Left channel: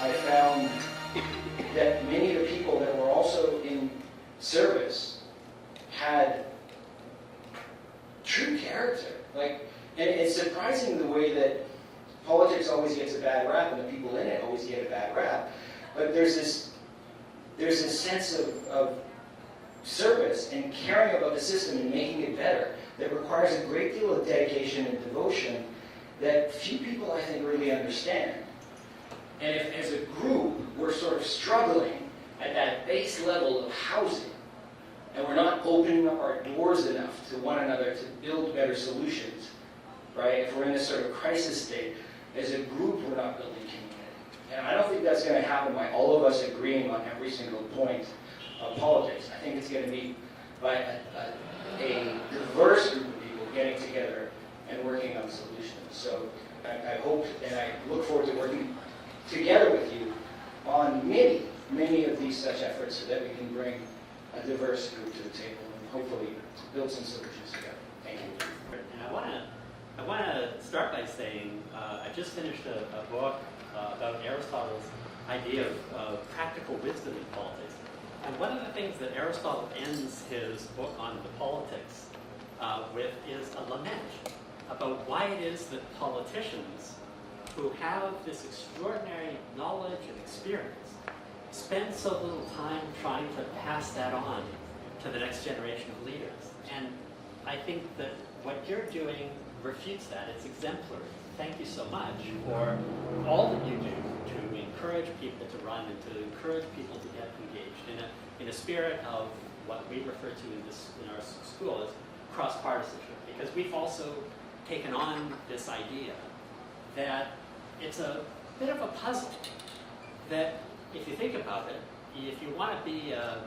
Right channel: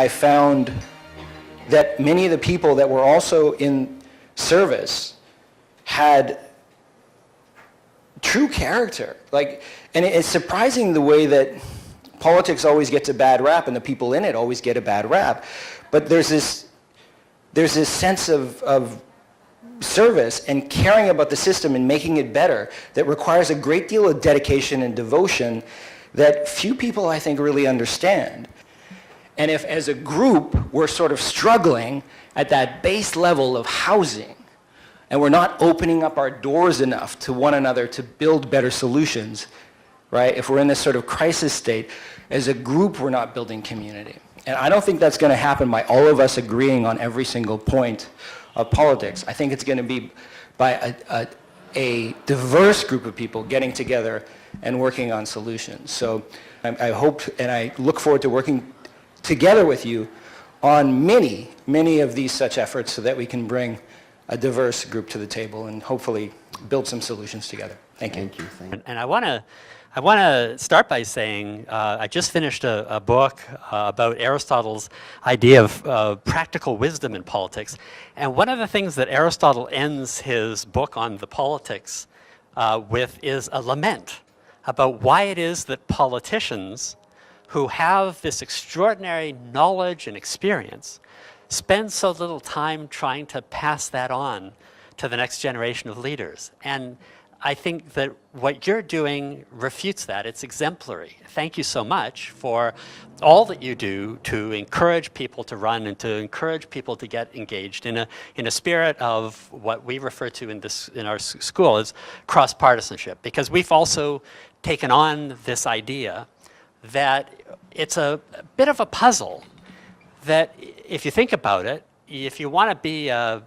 I found that many of the people that were also in service had true character. And it's surprising the way that politics always gets a bad rap and the people in it always get a bad rap. But there's this sense of service and caring about the system and making it better that requires a great deal of dedication and devotion that few people, I think, really understand. And if, as a group, we're sort of struggling at that base level of housing, and we're not opening up our doors enough to one another to build better solutions, right? If we're in this sort of crisis state, as a group, we're not building community. And I don't think that's going to happen by all of us agreeing on every single point of politics. I think it's going to be by a diverse group of people getting together and working on solutions. So I hope and I look forward to working together with you on many of these such efforts so that we can bring a diverse group to the table and hopefully build some solutions together. Thank you. And I want to start by saying I just finished a book about Aristotle's idea of practical wisdom in politics. And one of the things that Aristotle ends his book on the politics with is a lament about why it is that politicians who have this extraordinary knowledge and experience spend so little time trying to pass that on to the next generation of leaders. And I think that what you're doing refutes that. It's exemplary. Thank you so much for all that you do to encourage people to run and to encourage people to get engaged in a spirit of what we refer to in our school as cross-partisanship. Because we've also taken on this idea that it's a bit of a puzzle that if you think about it, if you want to be a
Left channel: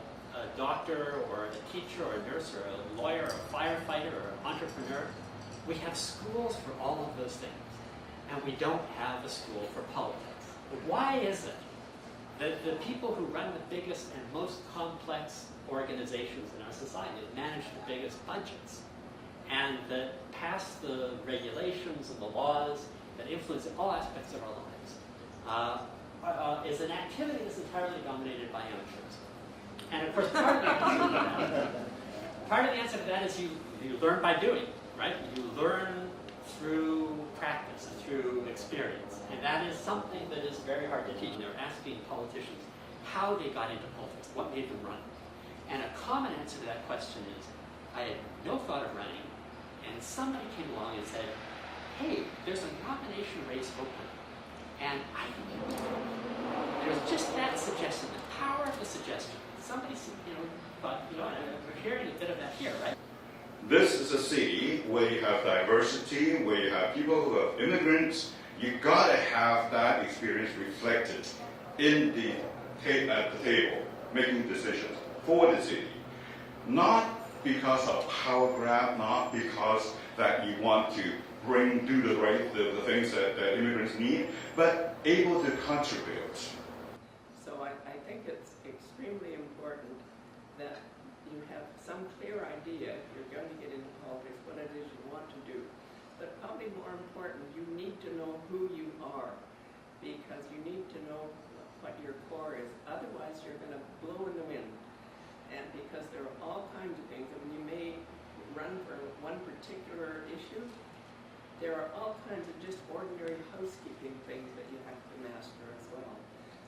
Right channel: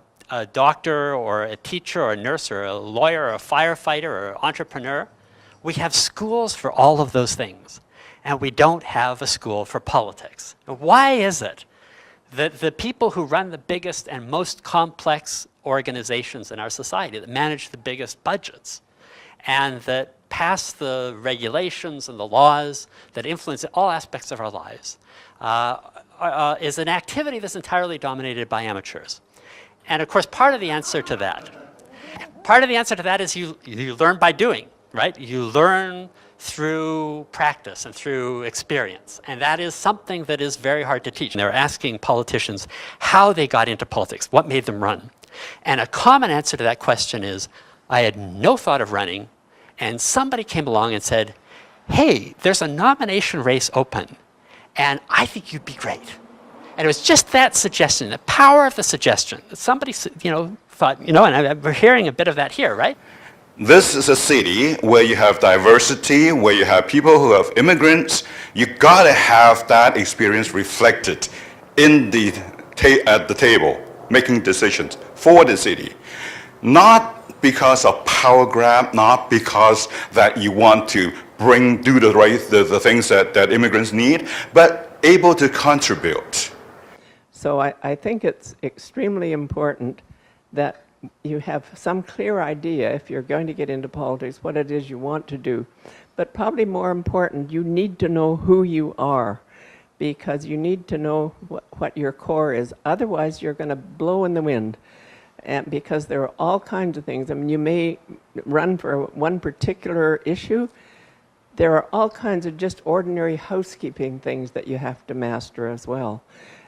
doctor or a teacher or a nurse or a lawyer or a firefighter or an entrepreneur, we have schools for all of those things, and we don't have a school for politics. Why is it that the people who run the biggest and most complex organizations in our society, that manage the biggest budgets, and that pass the regulations and the laws that influence all aspects of our lives, is an activity that's entirely dominated by amateurs? And of course, part of the answer to that is you learn by doing, right? You learn through practice and through experience. And that is something that is very hard to teach. And they're asking politicians how they got into politics, what made them run. And a common answer to that question is, I had no thought of running, and somebody came along and said, hey, there's a nomination race open, and I think you'd be great. And it was just that suggestion, the power of the suggestion. Somebody, thought, and we're hearing a bit of that here, right? This is a city where you have diversity, where you have people who have immigrants. You gotta have that experience reflected in at the table, making decisions for the city. Not because of power grab, not because that you want to do the things that immigrants need, but able to contribute. So I think it's extremely important that you have some clear idea, if you're going to get into politics, what it is you want to do. But probably more important, you need to know who you are, because you need to know what your core is. Otherwise, you're going to blow in the wind. And because there are all kinds of things. I mean, you may run for one particular issue. There are all kinds of just ordinary housekeeping things that you have to master as well.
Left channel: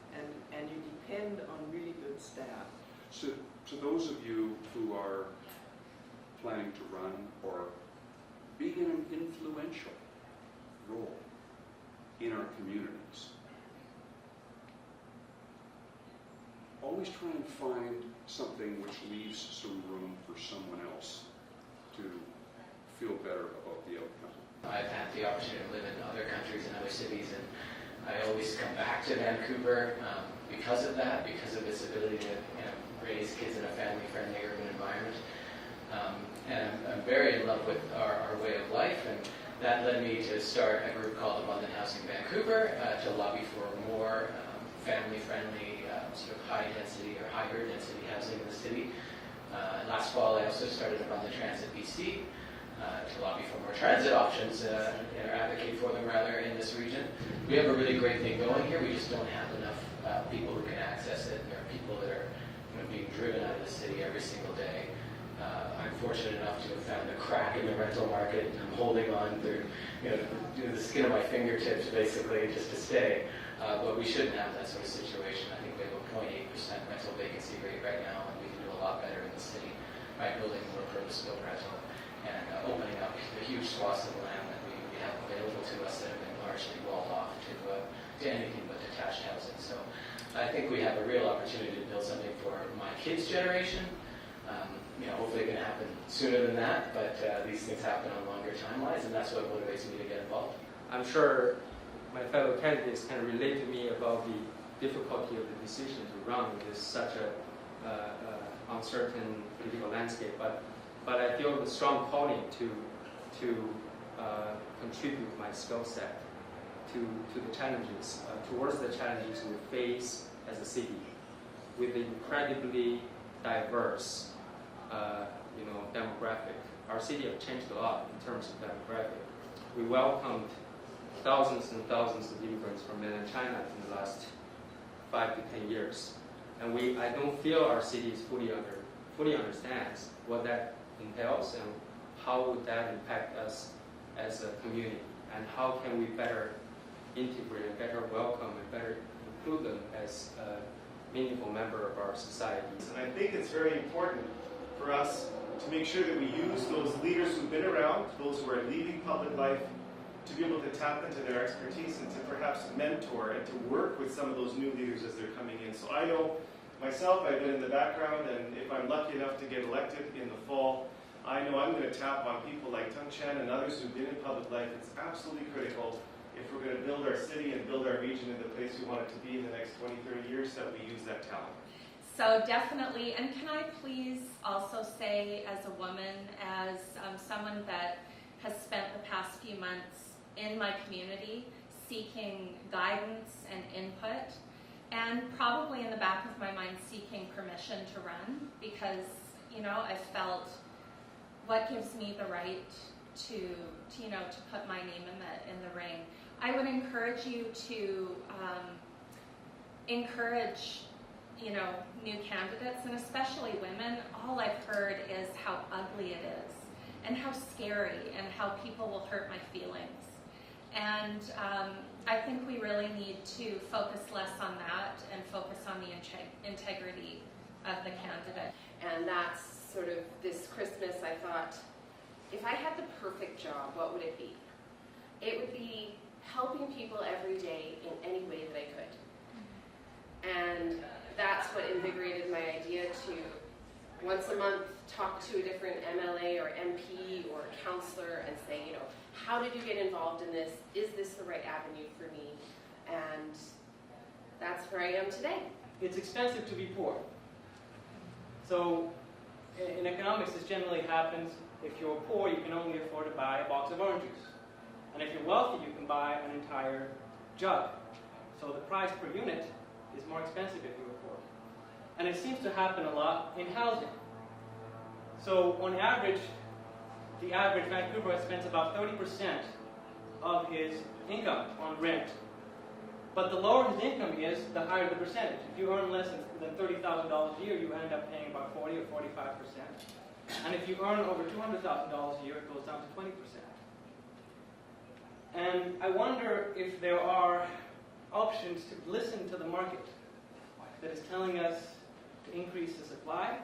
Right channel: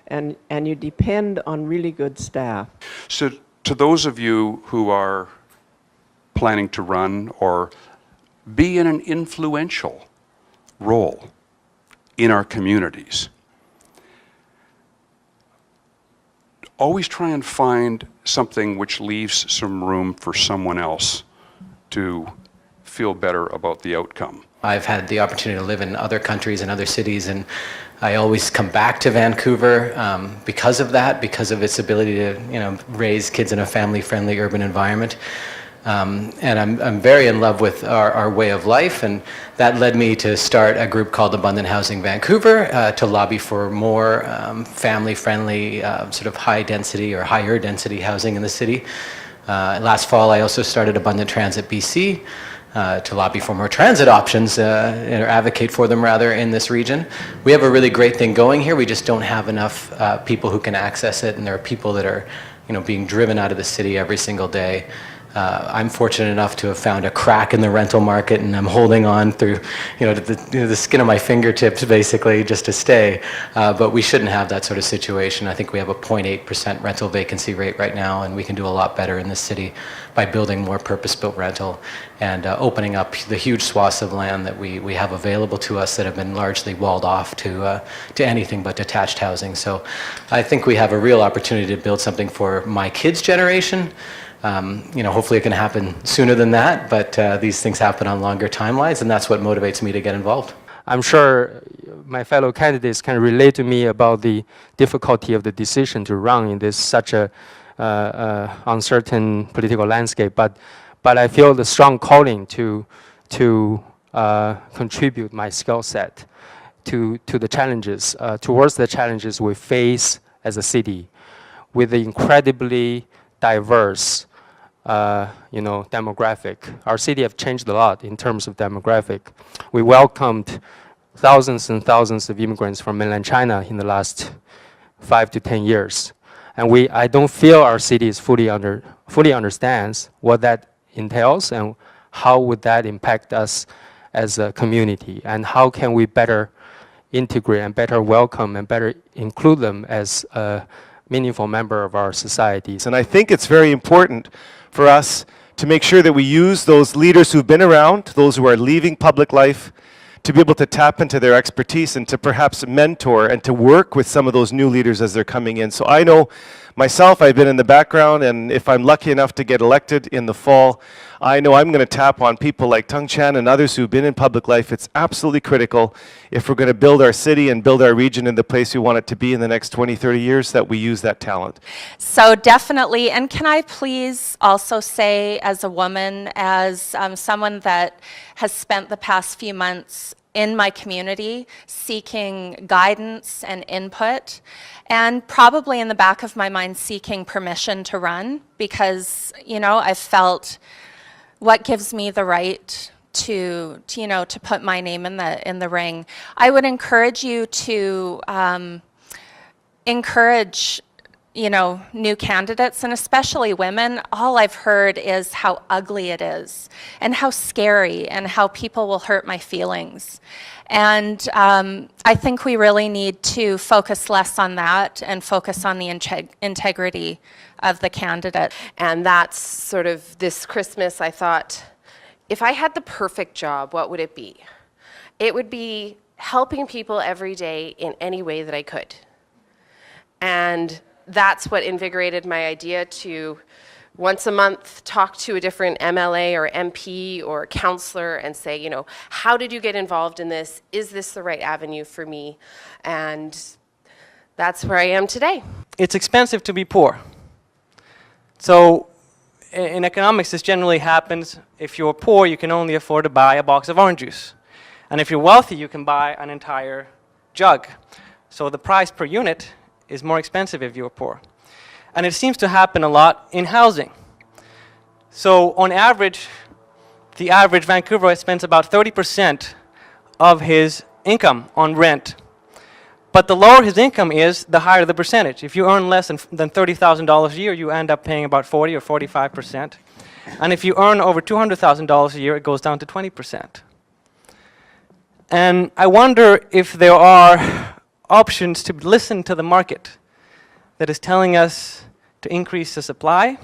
And you depend on really good staff. So to those of you who are planning to run or be in an influential role in our communities, always try and find something which leaves some room for someone else to feel better about the outcome. I've had the opportunity to live in other countries and other cities, and I always come back to Vancouver because of that, because of its ability to raise kids in a family-friendly urban environment. And I'm very in love with our way of life, and that led me to start a group called Abundant Housing Vancouver to lobby for more family-friendly, sort of high-density or higher-density housing in the city. Last fall, I also started Abundant Transit BC, to lobby for more transit options, or advocate for them rather, in this region. We have a really great thing going here. We just don't have enough people who can access it, and there are people that are, being driven out of the city every single day. I'm fortunate enough to have found a crack in the rental market, and I'm holding on through, the skin of my fingertips, basically, just to stay. But we shouldn't have that sort of situation. I think we have a 0.8% rental vacancy rate right now, and we can do a lot better in this city by building more purpose-built rental and opening up the huge swaths of land that we have available to us that have been largely walled off to anything but detached housing. So I think we have a real opportunity to build something for my kids' generation. Hopefully it can happen sooner than that, but these things happen on longer timelines, and that's what motivates me to get involved. I'm sure my fellow candidates can relate to me about the difficulty of the decision to run in this such a uncertain political landscape, but I feel the strong calling to contribute my skill set to the challenges, towards the challenges we face as a city, with the incredibly diverse demographic. Our city have changed a lot in terms of demographic. We welcomed thousands and thousands of immigrants from mainland China in the last 5 to 10 years. And I don't feel our city is fully understands what that entails and how would that impact us as a community, and how can we better integrate and better welcome and better include them as a meaningful member of our societies. And I think it's very important for us to make sure that we use those leaders who've been around, those who are leaving public life, to be able to tap into their expertise and to perhaps mentor and to work with some of those new leaders as they're coming in. So I know myself, I've been in the background, and if I'm lucky enough to get elected in the fall, I know I'm going to tap on people like Tung Chan and others who've been in public life. It's absolutely critical, if we're going to build our city and build our region in the place we want it to be in the next 20, 30 years, that we use that talent. So definitely, and can I please also say, as a woman, as someone that has spent the past few months in my community seeking guidance and input, and probably in the back of my mind seeking permission to run, because I've felt what gives me the right to put my name in the ring. I would encourage you to encourage new candidates, and especially women. All I've heard is how ugly it is, and how scary, and how people will hurt my feelings. And I think we really need to focus less on that and focus on the integrity of the candidate. And that's sort of this Christmas, I thought, if I had the perfect job, what would it be? It would be helping people every day in any way that I could. And that's what invigorated my idea to once a month talk to a different MLA or MP or counselor and say, how did you get involved in this? Is this the right avenue for me? And that's where I am today. It's expensive to be poor. So in economics, this generally happens. If you're poor, you can only afford to buy a box of orange juice. And if you're wealthy, you can buy an entire jug. So the price per unit is more expensive if you're poor. And it seems to happen a lot in housing. So on average, the average Vancouverite spends about 30% of his income on rent. But the lower his income is, the higher the percentage. If you earn less than $30,000 a year, you end up paying about 40 or 45%. And if you earn over $200,000 a year, it goes down to 20%. And I wonder if there are options to listen to the market that is telling us to increase the supply,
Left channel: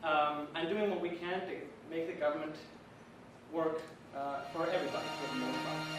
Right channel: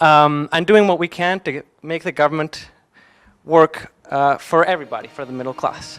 and doing what we can to make the government work for everybody, for the middle class.